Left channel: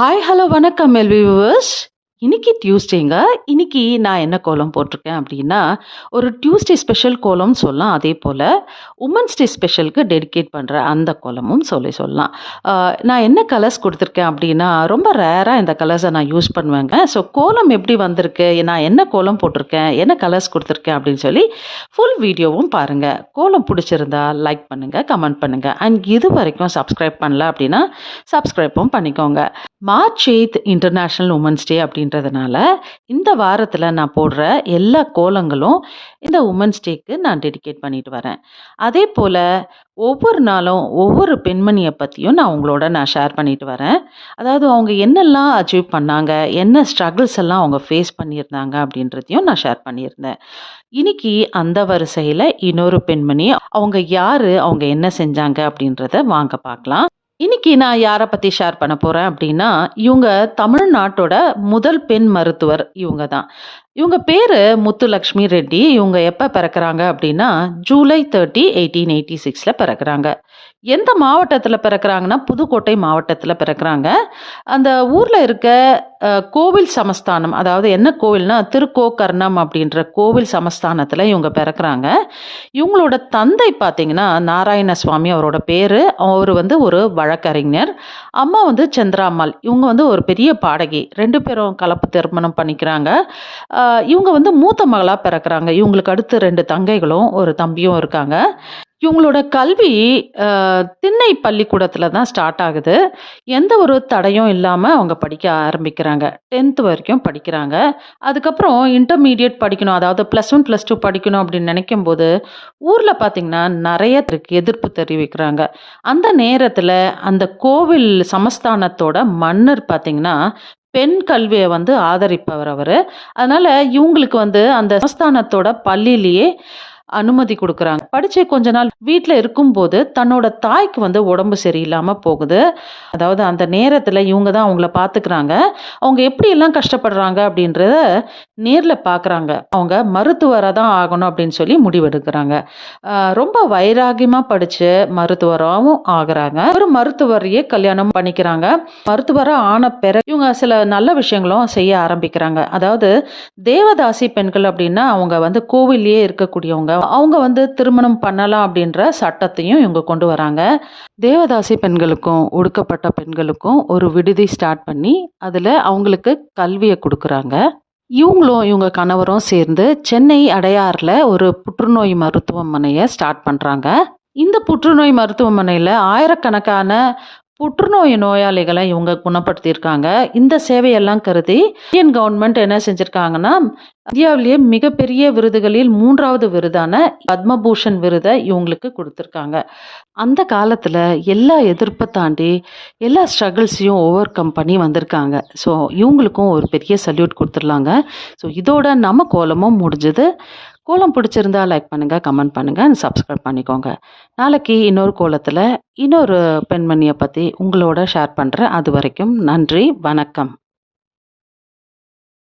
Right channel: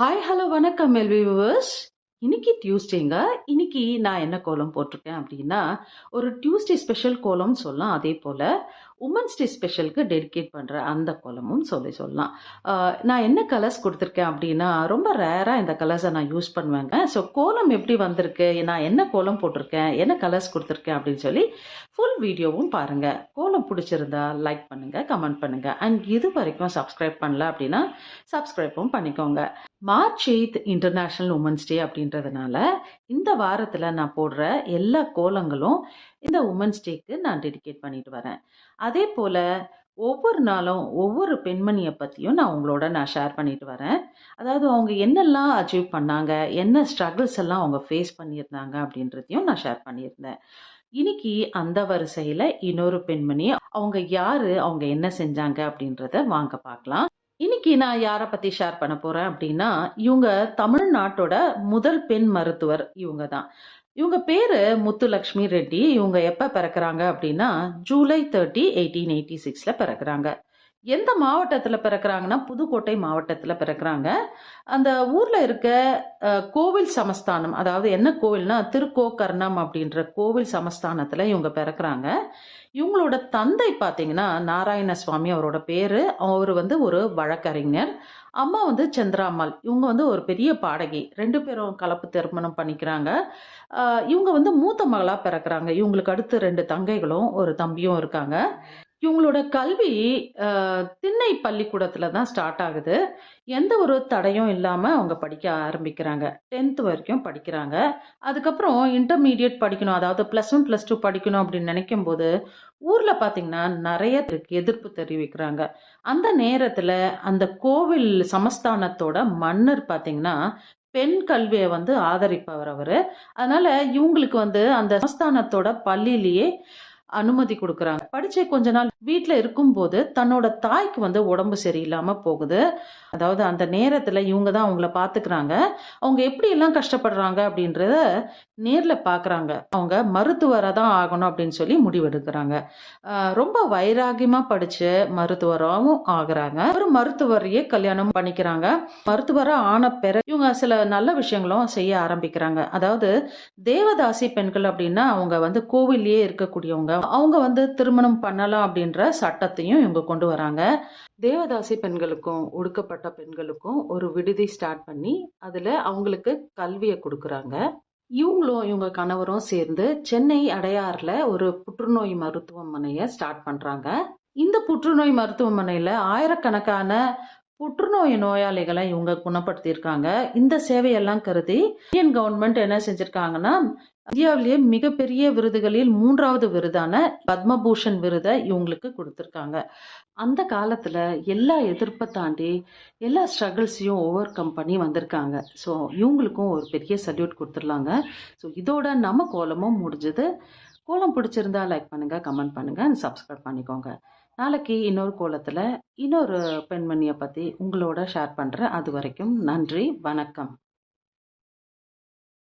Hi hello வணக்கம் L V viewers இன்னைக்கு டியூஸ்டேங்க இன்னைக்கு நான் என்ன கோலம் போட்டிருக்கேன் அப்படின்னா ஒரு டியூஸ்டே ஸ்பெஷல் கோலம்னு சொல்லலாம். அதே போல் உமன்ஸ் டே ஸ்பெஷலுக்கு டெடிகேட் பண்ணுற அந்த கோலமும் சொல்லி சொல்லலாம். நான் என்ன கலர்ஸ் கொடுத்துருக்கேன் அப்படின்னா ரொம்ப ரேராக இந்த கலர்ஸை நான் யூஸ் பண்ணுவேங்க. ஸோ கோலம் எப்படி வந்திருக்கு நான் என்ன கோலம் போட்டிருக்கேன் என்ன கலர்ஸ் கொடுத்துருக்கேன் அப்படின்னு சொல்லி ஃபுல் வீடியோவும் பாருங்கள் கோலம் பிடிச்சிருந்தா லைக் பண்ணுங்கள் கமெண்ட் பண்ணுங்கள் அண்ட் இது வரைக்கும் சப்ஸ்கிரைப் பண்ணல அப்படின்னா சப்ஸ்கிரைப்பும் பண்ணிக்கோங்க. March eight international women's day அப்படின்றதுனால இந்த வாரத்தில் நான் போடுற எல்லா கோலங்களும் இந்த உமன்ஸ் டேக்கு நான் டெடிகேட் பண்ணிட்டு வரேன். அதே போல் ஒவ்வொரு நாளும் ஒவ்வொரு பெண்மணியை பற்றியும் நான் உங்களோட நான் ஷேர் பண்ணிட்டு வரேன். அதாவது அவங்க என்னெல்லாம் அச்சீவ் பண்ணாங்க என்ன ஸ்ட்ரகிள்ஸ் எல்லாம் அவங்க ஃபேஸ் பண்ணியிருந்தாங்க அப்படின்றதையும் நான் ஷேர் பண்ணியிருந்தேன். இன்னைக்கு அந்த வரிசையில் இன்னொரு பெண்மணி அவங்க யார் அவங்க என்ன செஞ்சாங்க அப்படின்றத வாங்க பார்க்கலாம். இன்னைக்கு நான் யாரை பற்றி ஷேர் பண்ண போகிறேன் அப்படின்னா இவங்க தமிழ்நாட்டோட முதல் பெண் மருத்துவர் இவங்க தான் இவங்க பேர் முத்துலக்ஷ்மி ரெட்டி. இவங்க எப்போ பிறக்கிறாங்க அப்படின்னா ஜூலை தேர்ட்டி எயிட்டீன் எயிட்டி சிக்ஸில் பிறக்கிறாங்க. எந்த மாவட்டத்தில் பிறக்கிறாங்கன்னா புதுக்கோட்டை மாவட்டத்தில் பிறக்கிறாங்க. அந்த ஊரில் இருக்க கோவில் சமஸ்தானம் அதாவது என்ன கோவில்னா திருக்கோக்கர்ணம் அப்படின்ற கோவில் சமஸ்தானத்தில் இவங்க பிறக்கிறாங்க. இவங்களோட தந்தை பார்த்தீங்கன்னா நாராயண சுவாமி அவரோட பேர். அவர் வந்து ஒரு வழக்கறிஞர். அம்மா வந்து சந்திராம்மாள். இவங்க வந்து ஒரு பெரிய பாடகி. ரெண்டு பேரும் கலப்பு திருமணம் பண்ணிக்கிறாங்க. இவங்க வந்து மூத்த மகளாக பிறக்கிறாங்க. இவங்களுக்கு அடுத்து ரெண்டு தங்கைகளும் ஒரு தம்பியும் இருக்காங்க. இவங்களோட கல்வி திண்ணை பள்ளிக்கூடத்தில் தான் ஸ்டார்ட் ஆகுது. எந்த ஒரு தடையும் இல்லாமல் அவங்க படிக்க ஆரம்பிக்கிறாங்க. டென்த் வரைக்கும் படிக்கிறாங்க. அதுக்கப்புறம் இன்டர்மீடியட் படிக்கணும் அதாவது ப்ளஸ் ஒன் ப்ளஸ் டூ படிக்கணும் அப்படின்னு நினைக்கும் போது ஊரில் பார்த்திங்கன்னா நிறைய இருக்கு எதிர்ப்பு தெரிவிக்கிறாங்க. அந்த நேரத்தில் அந்த கோவில் சமஸ்தானத்தோட மன்னர் பார்த்திங்கன்னா பெண் கல்வியை வந்து ஆதரிப்பவர் அவர். அதனால் இவங்களுக்கு வந்து அந்த சமஸ்தானத்தோட பள்ளியிலேயே அனுமதி கொடுக்குறாங்க. படித்து கொஞ்ச நாள் வீட்டில் இருக்கும்போது தன்னோட தாய்க்கு வந்து உடம்பு சரியில்லாமல் போகுது. அதாவது அந்த நேரத்தில் இவங்க தான் அவங்கள பார்த்துக்கிறாங்க அவங்க எப்படியெல்லாம் கஷ்டப்படுறாங்க அப்படின்றத நேரில் பார்க்குறாங்க அவங்க மருத்துவராக தான் ஆகணும் அப்படின்னு சொல்லி முடிவெடுக்கிறாங்க. ரொம்ப வைராகியமாக படித்து மருத்துவராகவும் ஆகுறாங்க. ஒரு மருத்துவரையே கல்யாணம் பண்ணிக்கிறாங்க. மருத்துவராக ஆன பிறகு இவங்க சில நல்ல விஷயங்களும் செய்ய ஆரம்பிக்கிறாங்க. அதாவது தேவதாசி பெண்கள் அப்படின்னா அவங்க வந்து கோவில்லையே இருக்கக்கூடியவங்க. அவங்க வந்து திருமணம் பண்ணலாம் அப்படின்ற சட்டத்தையும் இவங்க கொண்டு வராங்க. தேவதாசி பெண்களுக்கும் ஒடுக்கப்பட்ட பெண்களுக்கும் ஒரு விடுதி ஸ்டார்ட் பண்ணி அதில் அவங்களுக்கு கல்வியை கொடுக்குறாங்க. இவங்களும் இவங்க கணவரும் சேர்ந்து சென்னை அடையாறில் ஒரு புற்றுநோய் மருத்துவமனையை ஸ்டார்ட் பண்ணுறாங்க இந்த புற்றுநோய் மருத்துவமனையில் ஆயிரக்கணக்கான புற்றுநோய் நோயாளிகளை இவங்க குணப்படுத்தியிருக்காங்க. இந்த சேவையெல்லாம் கருதி இந்தியன் கவர்மெண்ட் என்ன செஞ்சுருக்காங்கன்னா இந்தியாவிலேயே மிகப்பெரிய விருதுகளில் மூன்றாவது விருதான பத்மபூஷன் விருதை இவங்களுக்கு கொடுத்துருக்காங்க. அந்த காலத்தில் எல்லா எதிர்ப்பை தாண்டி எல்லா ஸ்ட்ரகிள்ஸையும் ஓவர் கம் பண்ணி வந்திருக்காங்க. ஸோ இவங்களுக்கும் ஒரு பெரிய சல்யூட் கொடுத்துடலாங்க. ஸோ இதோட நம்ம கோலமும் முடிஞ்சது. கோலம் பிடிச்சிருந்தா லைக் பண்ணுங்கள் கமெண்ட் பண்ணுங்கள் சப்ஸ்கிரைப் பண்ணிக்கோங்க. நாளைக்கு இன்னொரு கோலத்தில் இன்னொரு பெண்மணியை பற்றி உங்களோட ஷேர் பண்ணுறேன் அது வரைக்கும் நன்றி வணக்கம்.